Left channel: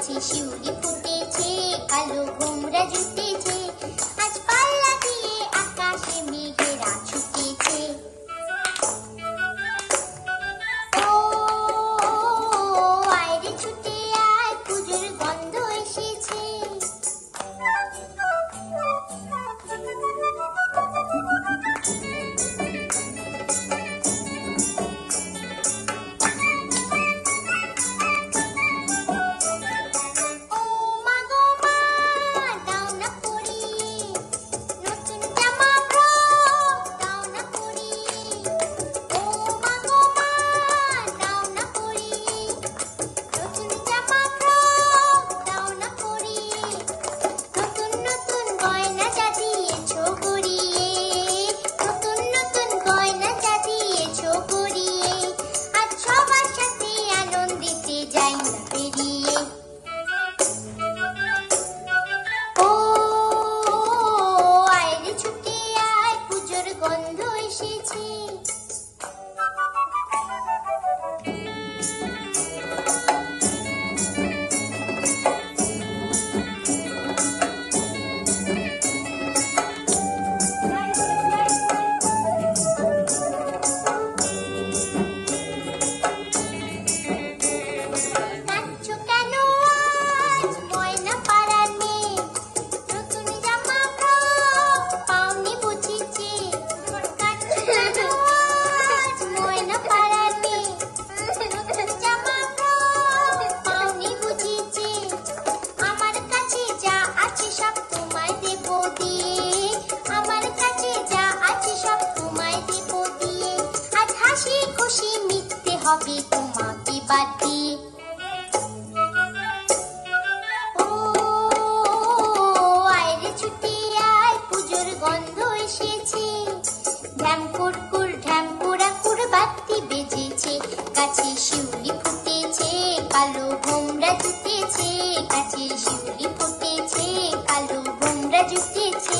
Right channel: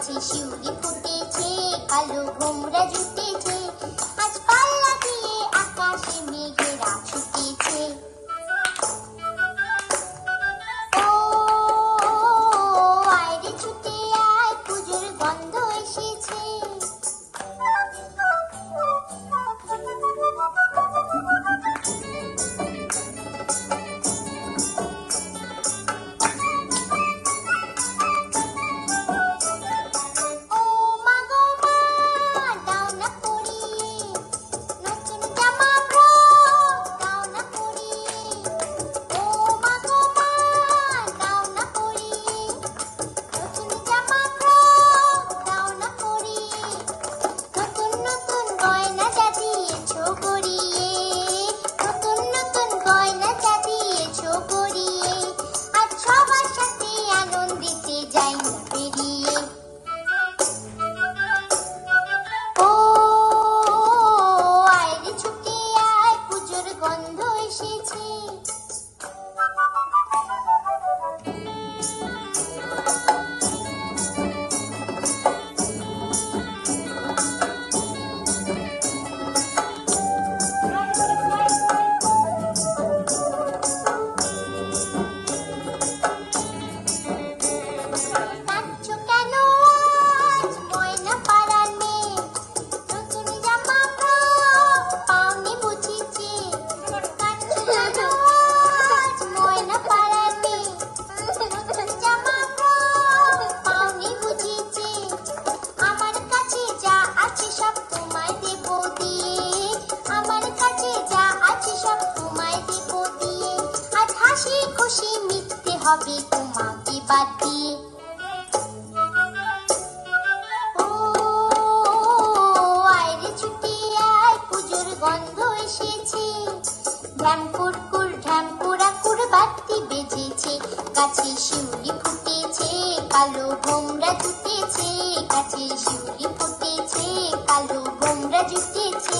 গাছে শিউলি ফুটেছে, কালো ভোমরা জুটেছে, আজ পাল্লা দিয়ে আকাশে মেঘেরা ছুটেছে। ও আয় রে ছুটে আয়, পুজোর গন্ধ এসেছে। গন্ধ এসেছে। খুশি মিটতে হবে তোমাকে বাদ দিয়ে। ও আয় রে ছুটে আয়, পুজোর গন্ধ এসেছে। ঢ্যাম কুরকুর ঢ্যাম কুড়াকুর বাতি বেজেছে, গাছে শিউলি ফুটেছে, কালো ভোমরা জুটেছে, গাছে শিউলি ফুটেছে, কালো ভোমরা জুটেছে,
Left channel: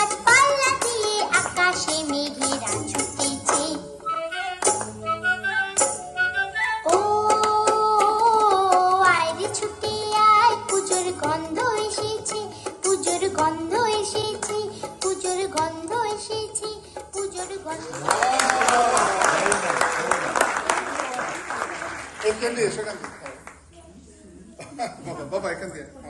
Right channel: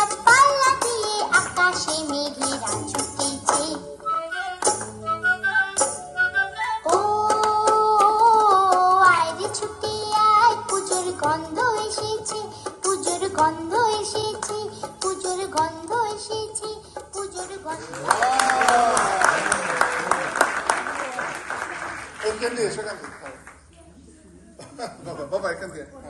আজ পাল্লা দিয়ে আকাশে মেঘেরা ছুটেছে। গন্ধ এসেছে, পুজোর গন্ধ এসেছে, পুজোর গন্ধ এসেছে, পুজোর গন্ধ। এখান দিয়ে সেখান দিয়ে বাবা এখান দিয়ে